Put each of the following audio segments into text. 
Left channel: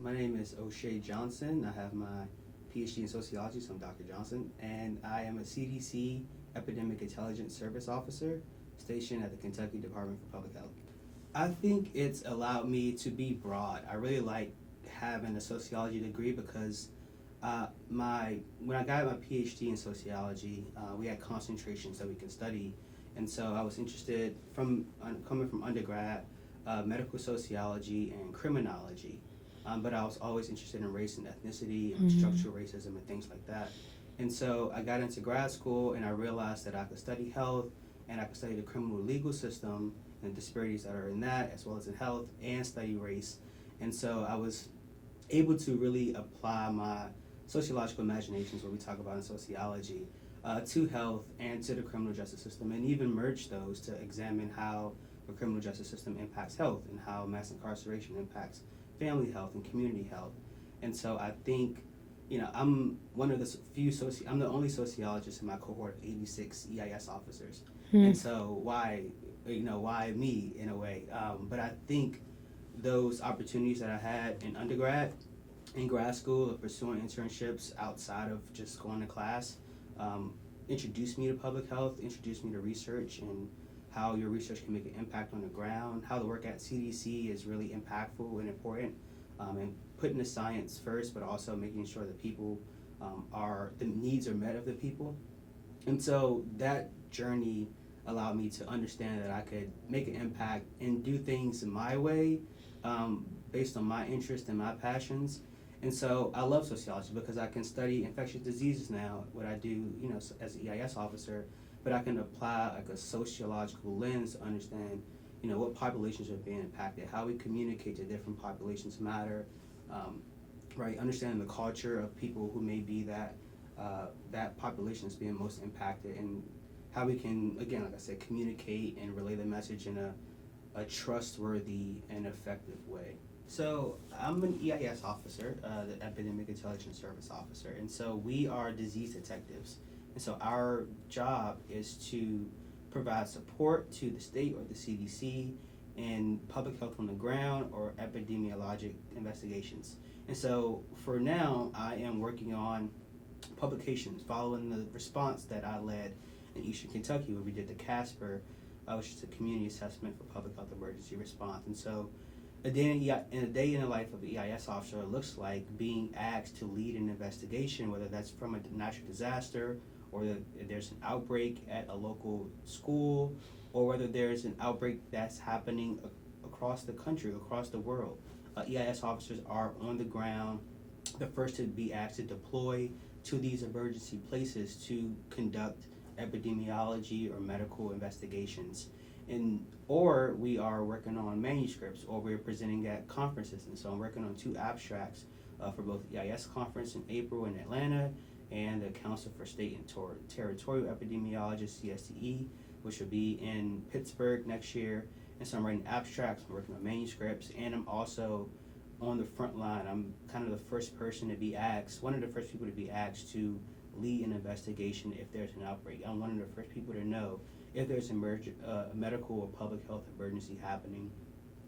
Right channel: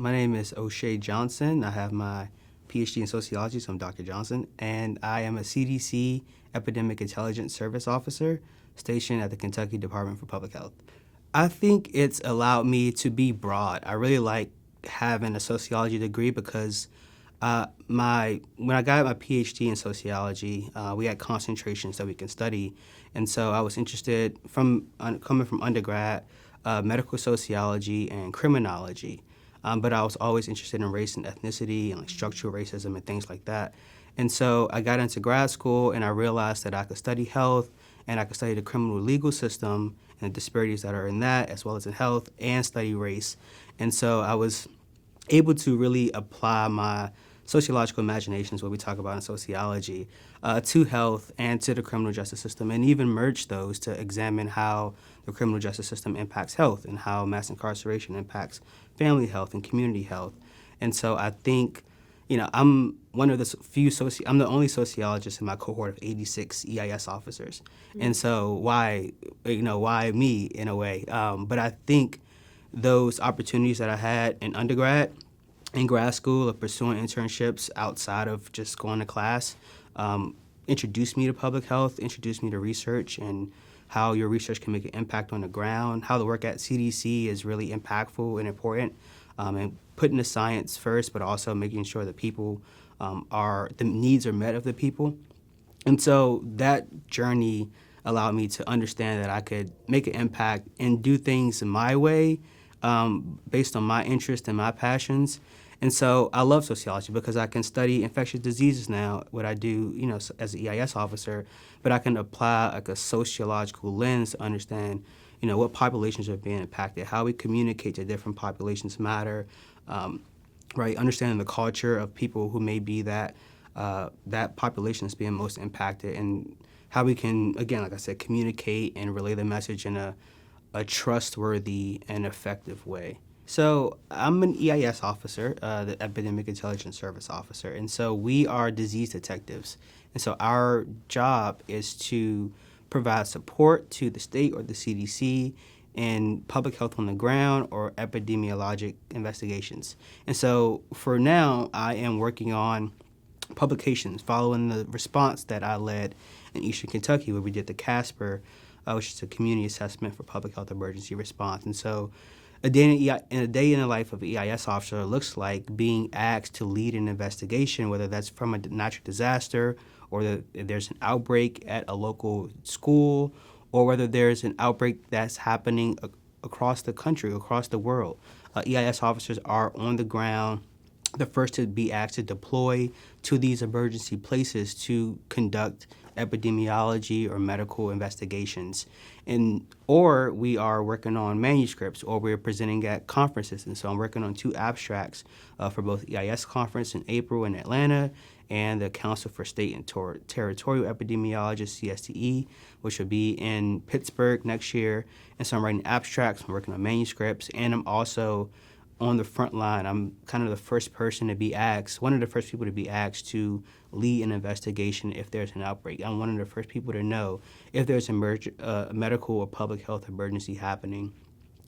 My name is Oshea Johnson. I have my PhD in sociology, so I'm Dr. Johnson, and I am a CDC Epidemic Intelligence Service Officer stationed at the Kentucky Department for Public Health. I think it's allowed me to be broad. I really like having a sociology degree because when I got my PhD in sociology, we had concentrations that we can study, and so I was interested coming from undergrad, medical sociology and criminology. But I was always interested in race and ethnicity and structural racism and things like that. And so I got into grad school and I realized that I could study health and I could study the criminal legal system and the disparities that are in that, as well as in health, and study race. And so I was able to really apply my sociological imaginations, what we talk about in sociology, to health and to the criminal justice system, and even merge those to examine how the criminal justice system impacts health and how mass incarceration impacts family health and community health. And so I think, I'm one of the I'm the only sociologist in my cohort of 86 EIS officers. And so why me in a way? But I think those opportunities that I had in undergrad in grad school of pursuing internships outside of just going to class introduced me to public health, introduced me to research and how your research can make an impact on the ground, how the work at CDC is really impactful and important, and putting the science first, but also making sure that the needs are met of the people. And so that journey allowed me to understand that I could make an impact and do things my way, based on my interest and my passions. And so I love sociology because I can study infectious diseases now, what I do, as an EIS officer, but I can apply like a sociological lens to understand, what populations are being impacted, how we communicate to different populations matter, right? Understanding the culture of people who may be that population is being most impacted, and how we can, again, like I said, communicate and relay the message in a trustworthy and effective way. So I'm an EIS officer, the Epidemic Intelligence Service Officer, and so we are disease detectives. And so our job is to provide support to the state or the CDC in public health on the ground or epidemiologic investigations. And so for now, I am working on publications following the response that I led in Eastern Kentucky, where we did the CASPER, which is a community assessment for public health emergency response. And so a day in the life of an EIS officer looks like being asked to lead an investigation, whether that's from a natural disaster or there's an outbreak at a local school, or whether there's an outbreak that's happening across the country, across the world. EIS officers are on the ground, the first to be asked to deploy to these emergency places to conduct epidemiology or medical investigations. Or we are working on manuscripts, or we're presenting at conferences. And so I'm working on 2 abstracts for both EIS conference in April in Atlanta and the Council for State and Territorial Epidemiologists, CSTE, which will be in Pittsburgh next year. And so I'm writing abstracts, I'm working on manuscripts, and I'm also on the front line. I'm kind of the first person to be asked, one of the first people to be asked to lead an investigation if there's an outbreak. I'm one of the first people to know if there's a medical or public health emergency happening.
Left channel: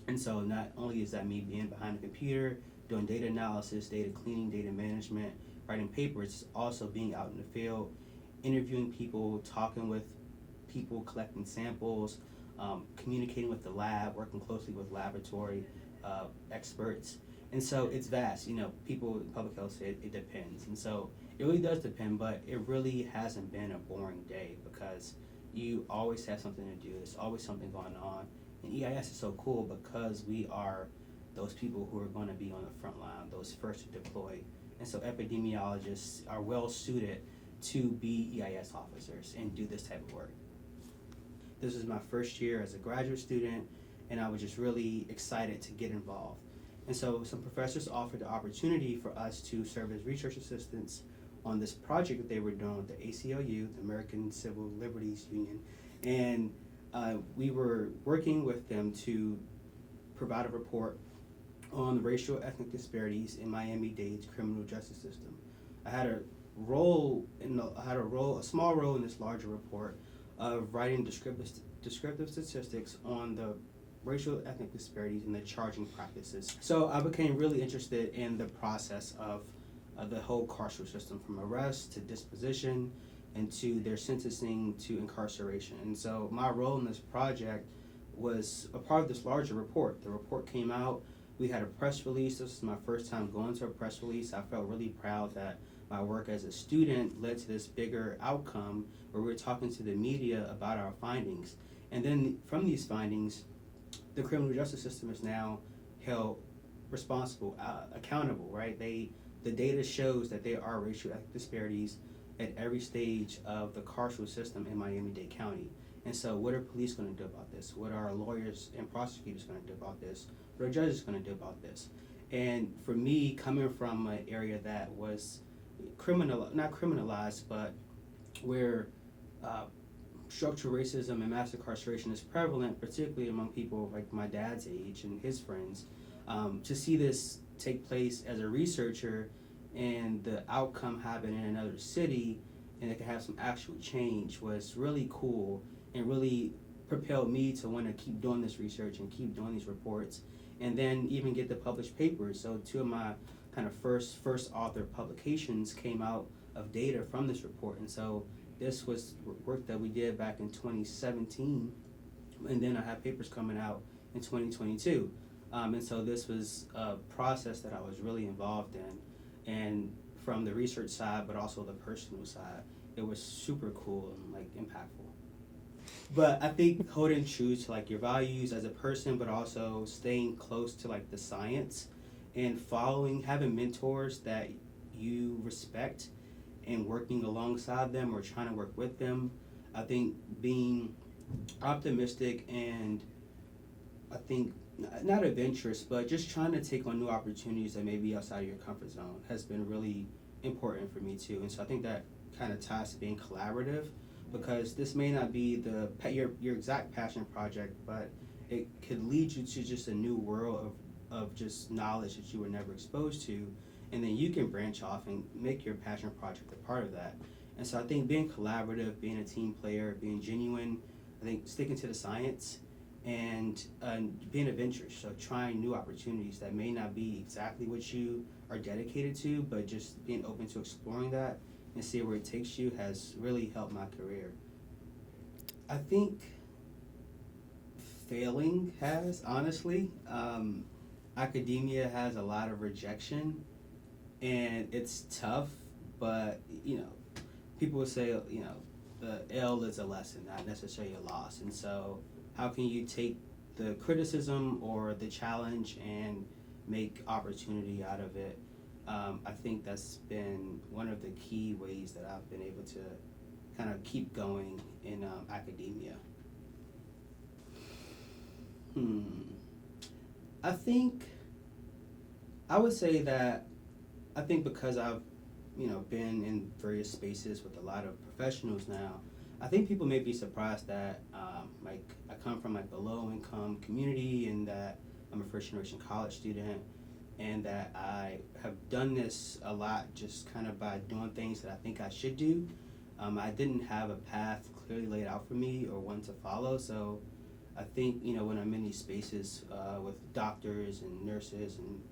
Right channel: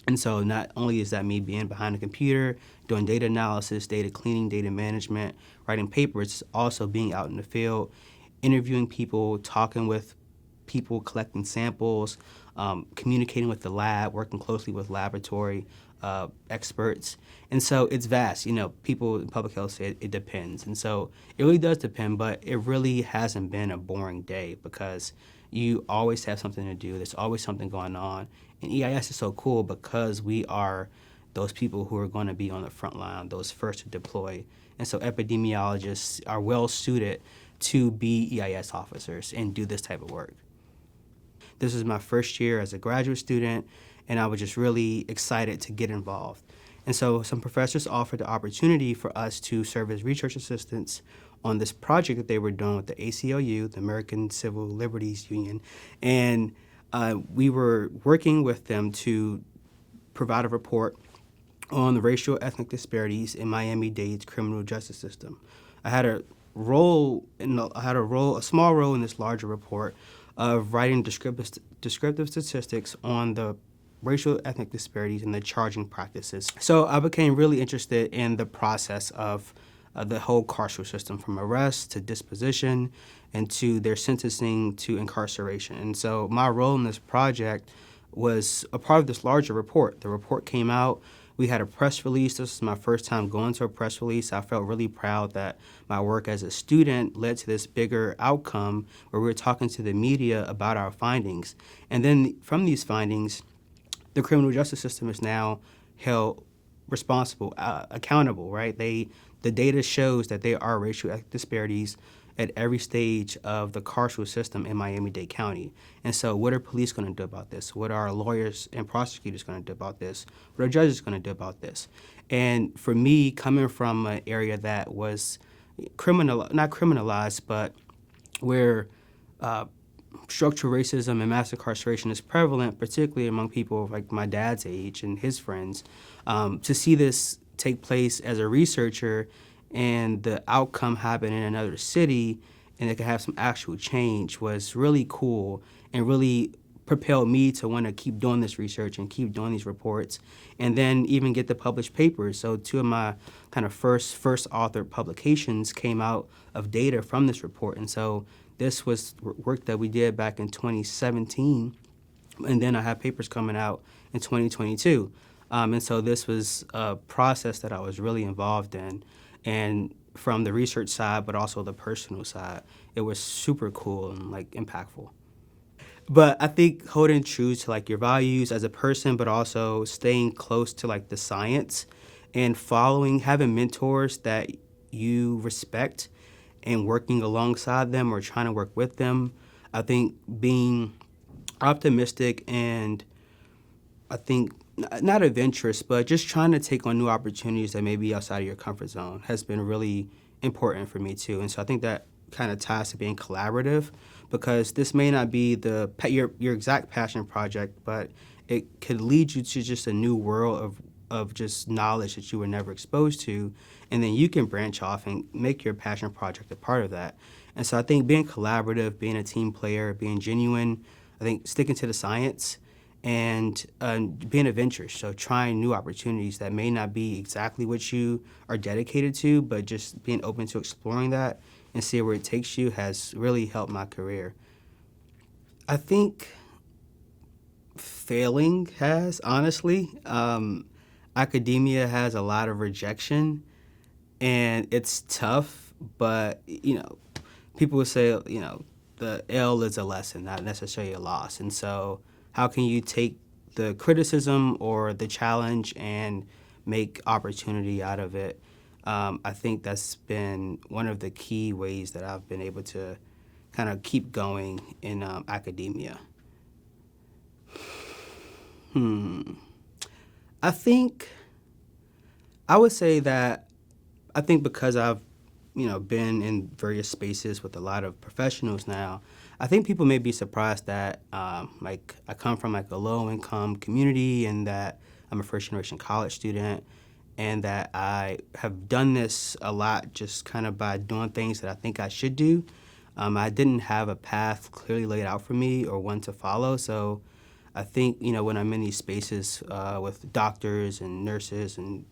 And so not only is that me being behind the computer, doing data analysis, data cleaning, data management, writing papers, it's also being out in the field, interviewing people, talking with people, collecting samples, communicating with the lab, working closely with laboratory experts. And so it's vast. People in public health say it depends. And so it really does depend, but it really hasn't been a boring day because you always have something to do. There's always something going on. And EIS is so cool because we are those people who are going to be on the front line, those first to deploy. And so epidemiologists are well suited to be EIS officers and do this type of work. This is my first year as a graduate student, and I was just really excited to get involved. And so some professors offered the opportunity for us to serve as research assistants on this project that they were doing with the ACLU, the American Civil Liberties Union. And we were working with them to provide a report on the racial ethnic disparities in Miami-Dade's criminal justice system. I had a small role in this larger report of writing descriptive statistics on the racial ethnic disparities in the charging practices. So I became really interested in the process of the whole carceral system, from arrest to disposition and to their sentencing to incarceration. And so my role in this project was a part of this larger report. The report came out. We had a press release. This was my first time going to a press release. I felt really proud that my work as a student led to this bigger outcome where we were talking to the media about our findings. And then from these findings, the criminal justice system is now held responsible, accountable, right? The data shows that there are racial disparities at every stage of the carceral system in Miami-Dade County. And so what are police going to do about this? What are lawyers and prosecutors going to do about this? What are judges going to do about this? And for me, coming from an area that was not criminalized, but where structural racism and mass incarceration is prevalent, particularly among people like my dad's age and his friends, to see this take place as a researcher and the outcome happen in another city and it could have some actual change was really cool and really propelled me to want to keep doing this research and keep doing these reports and then even get the published papers. So two of my kind of first author publications came out of data from this report. And so this was work that we did back in 2017, and then I have papers coming out in 2022. And so this was a process that I was really involved in. And from the research side, but also the personal side, it was super cool and like impactful. But I think holding true to like your values as a person, but also staying close to like the science and having mentors that you respect and working alongside them or trying to work with them. I think being optimistic and I think not adventurous, but just trying to take on new opportunities that may be outside of your comfort zone has been really important for me too. And so I think that kind of ties to being collaborative, because this may not be your exact passion project, but it could lead you to just a new world of just knowledge that you were never exposed to, and then you can branch off and make your passion project a part of that. And so I think being collaborative, being a team player, being genuine, I think sticking to the science, and being adventurous, so trying new opportunities that may not be exactly what you are dedicated to, but just being open to exploring that and see where it takes you has really helped my career. I think failing has, honestly. Academia has a lot of rejection, and it's tough, but, people would say, the L is a lesson, not necessarily a loss. And so how can you take the criticism or the challenge and make opportunity out of it? I think that's been one of the key ways that I've been able to kind of keep going in academia. I would say that I think because I've been in various spaces with a lot of professionals now, I think people may be surprised that I come from a low-income community and that I'm a first-generation college student and that I have done this a lot just kind of by doing things that I think I should do. I didn't have a path clearly laid out for me or one to follow, so I think when I'm in these spaces with doctors and nurses and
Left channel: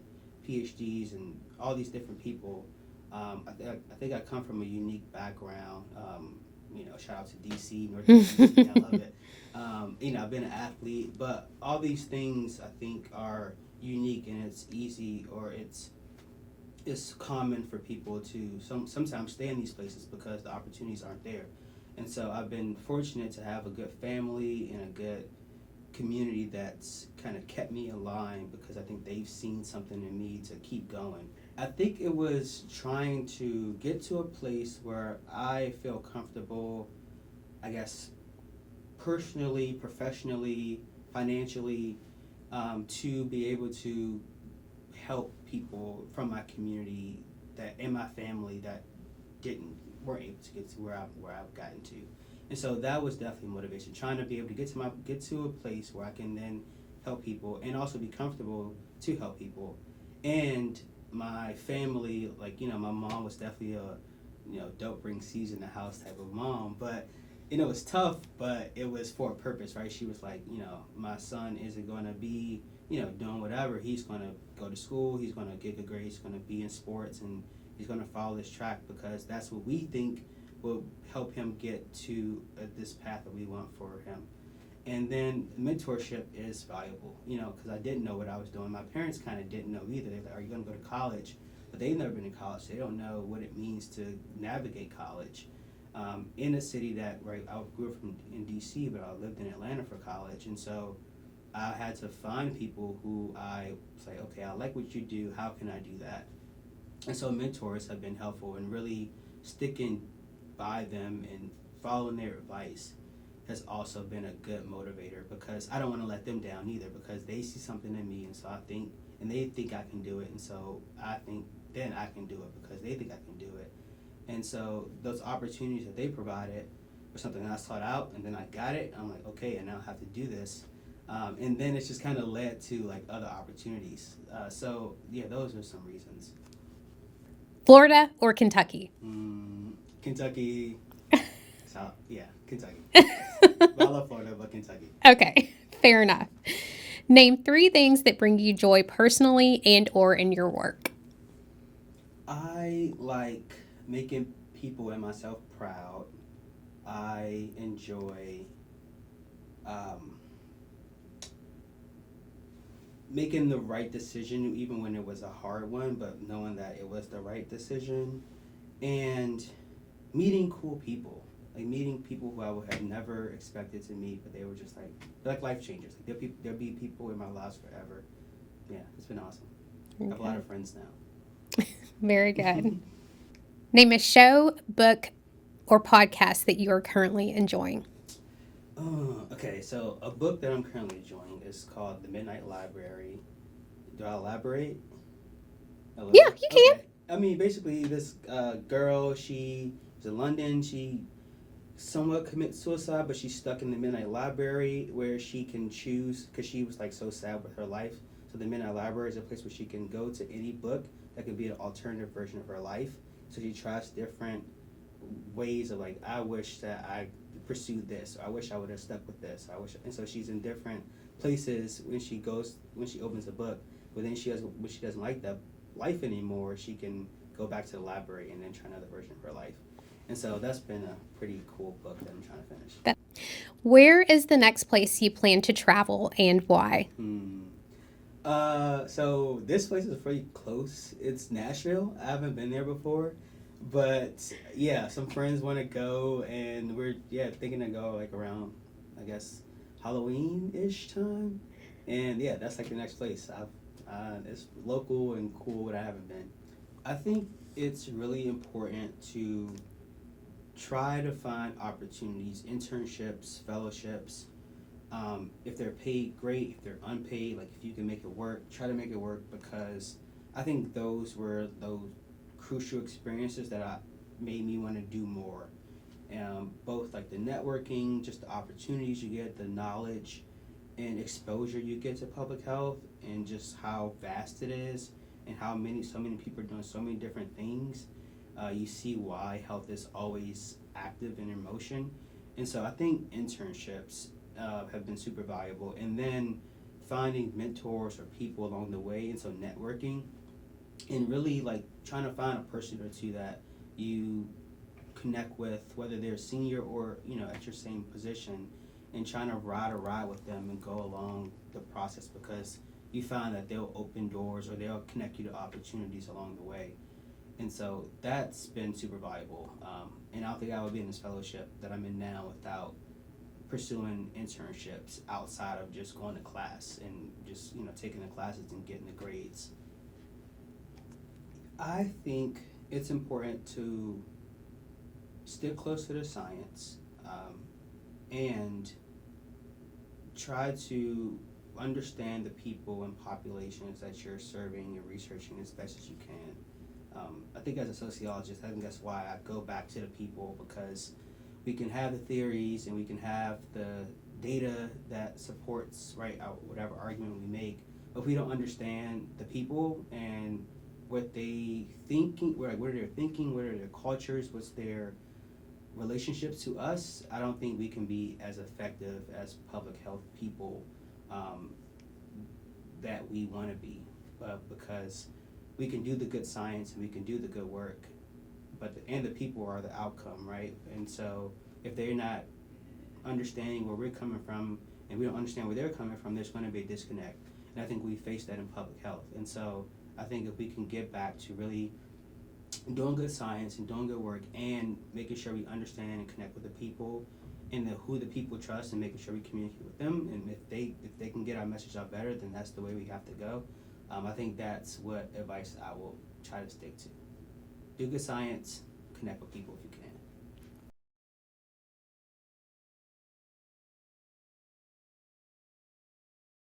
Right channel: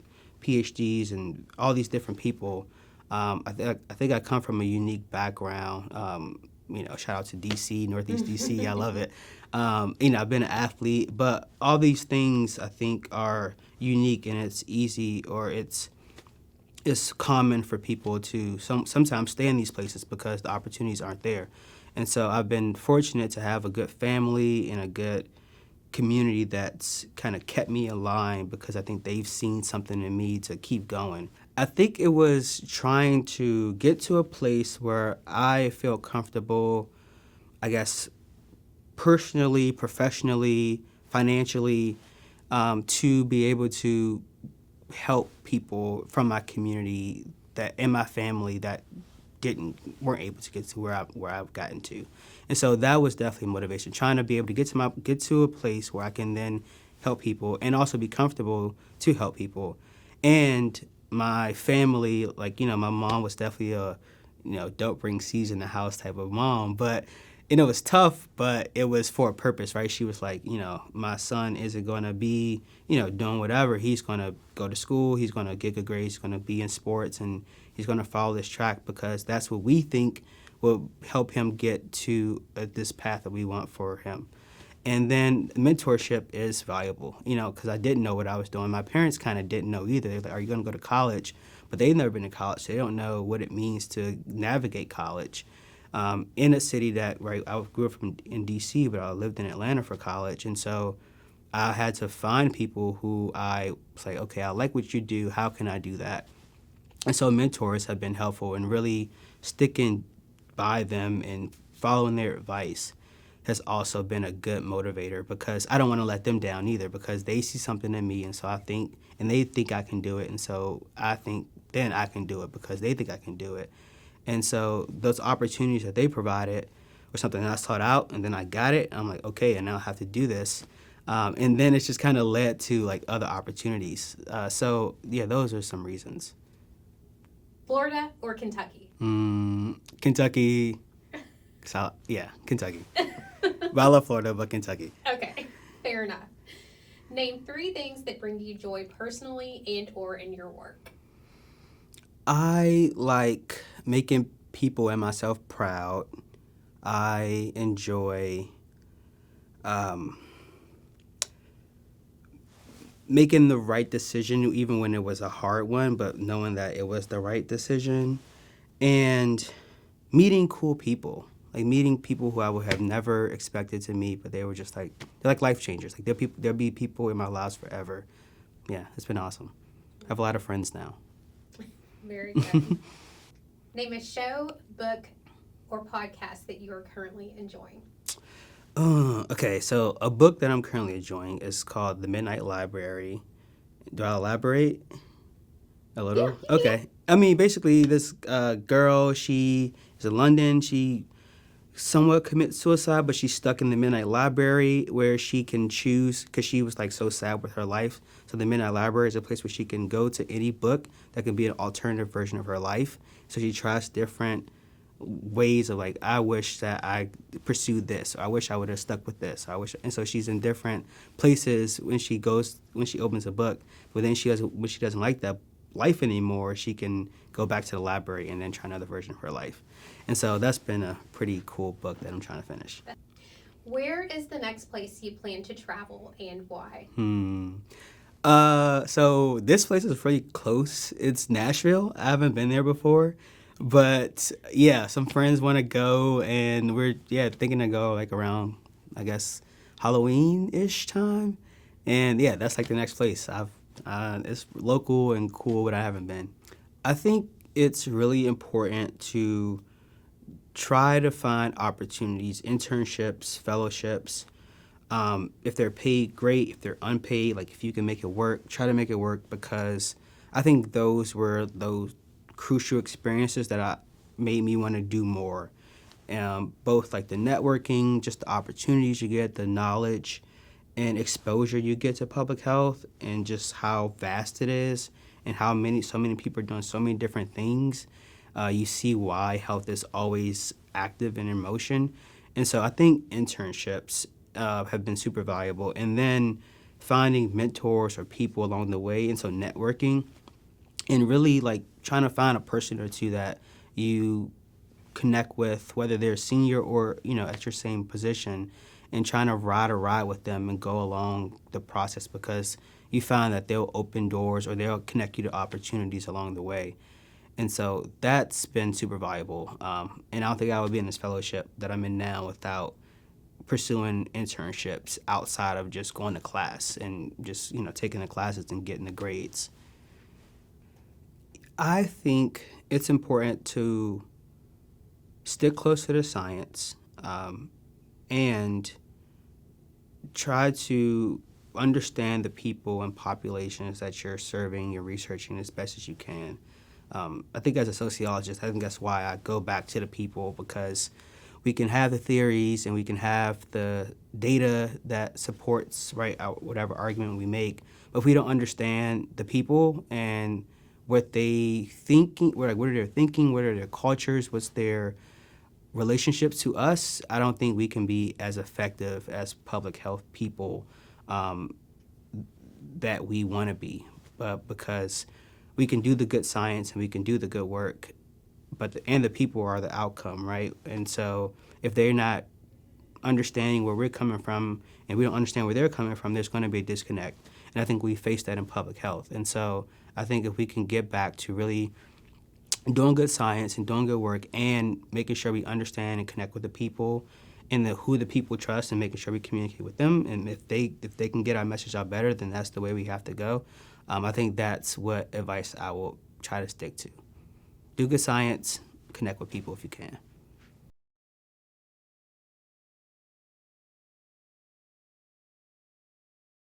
PhDs and all these different people, I think I come from a unique background. Shout out to DC, Northeast DC, I love it. I've been an athlete, but all these things I think are unique, and it's easy or it's common for people to sometimes stay in these places because the opportunities aren't there. And so I've been fortunate to have a good family and a good community that's kind of kept me aligned because I think they've seen something in me to keep going. I think it was trying to get to a place where I feel comfortable, I guess, personally, professionally, financially, to be able to help people from my community and my family that weren't able to get to where I've gotten to. And so that was definitely motivation, trying to be able to get to a place where I can then help people and also be comfortable to help people. And my family, my mom was definitely a, don't bring seeds in the house type of mom, but and it was tough, but it was for a purpose, right? She was like, my son isn't going to be, doing whatever. He's going to go to school. He's going to get good grades. He's going to be in sports, and he's going to follow this track because that's what we think will help him get to this path that we want for him. And then mentorship is valuable, because I didn't know what I was doing. My parents kind of didn't know either. They're like, are you going to go to college? But they've never been to college. So they don't know what it means to navigate college. In a city that, right, I grew up in D.C., but I lived in Atlanta for college. And so I had to find people who I was like, okay, I like what you do. How can I do that? And so mentors have been helpful, and really sticking by them and following their advice has also been a good motivator, because I don't want to let them down either, because they see something in me, and so I think, and they think I can do it, and so I think then I can do it because they think I can do it. And so those opportunities that they provided were something that I sought out, and then I got it. I'm like, okay, and now I have to do this. And then it's just kind of led to like other opportunities. So yeah, those are some reasons. Florida or Kentucky? Kentucky. So, yeah, Kentucky. But I love Florida, but Kentucky. Okay, fair enough. Name 3 things that bring you joy personally and or in your work. I like making people and myself proud. I enjoy making the right decision, even when it was a hard one, but knowing that it was the right decision. And meeting cool people. Like meeting people who I would have never expected to meet, but they were just like, they're like life changers. Like there'll be people in my lives forever. Yeah, it's been awesome. I have a lot of friends now. Very good. Name a show, book, or podcast that you are currently enjoying. Okay, so a book that I'm currently enjoying is called The Midnight Library. Do I elaborate a little? Yeah, you can. Okay. I mean, basically, this girl, she is in London. She somewhat commits suicide, but she's stuck in the Midnight Library where she can choose, because she was like so sad with her life. So the Midnight Library is a place where she can go to any book that can be an alternative version of her life. So she tries different ways of like, I wish that I pursued this, or I wish I would have stuck with this. And so she's in different places when she opens a book. But then when she doesn't like that life anymore, she can go back to the library and then try another version of her life. And so that's been a pretty cool book that I'm trying to finish. Where is the next place you plan to travel and why? So this place is pretty close. It's Nashville. I haven't been there before. But yeah, some friends want to go, and we're thinking to go like around, I guess, Halloween-ish time. And yeah, that's like the next place. It's local and cool, but I haven't been. I think it's really important to try to find opportunities, internships, fellowships. If they're paid, great. If they're unpaid, like if you can make it work, try to make it work, because I think those were those crucial experiences that made me want to do more. Both like the networking, just the opportunities you get, the knowledge and exposure you get to public health, and just how vast it is, and how so many people are doing so many different things. You see why health is always active and in motion. And so I think internships have been super valuable. And then finding mentors or people along the way, and so networking, and really like trying to find a person or two that you connect with, whether they're senior or at your same position, and trying to ride with them and go along the process, because you find that they'll open doors or they'll connect you to opportunities along the way. And so that's been super valuable. And I don't think I would be in this fellowship that I'm in now without pursuing internships outside of just going to class and just taking the classes and getting the grades. I think it's important to stick close to the science, and try to understand the people and populations that you're serving, you're researching as best as you can. I think as a sociologist, I think that's why I go back to the people, because we can have the theories and we can have the data that supports whatever argument we make, but if we don't understand the people and what they thinking, what are their thinking, what are their cultures, what's their relationships to us, I don't think we can be as effective as public health people that we want to be, because we can do the good science and we can do the good work, but the people are the outcome, right? And so if they're not understanding where we're coming from and we don't understand where they're coming from, there's going to be a disconnect. And I think we face that in public health. And so I think if we can get back to really doing good science and doing good work and making sure we understand and connect with the people and who the people trust and making sure we communicate with them, and if they can get our message out better, then that's the way we have to go. I think that's what advice I will try to stick to. Do good science, connect with people if you can.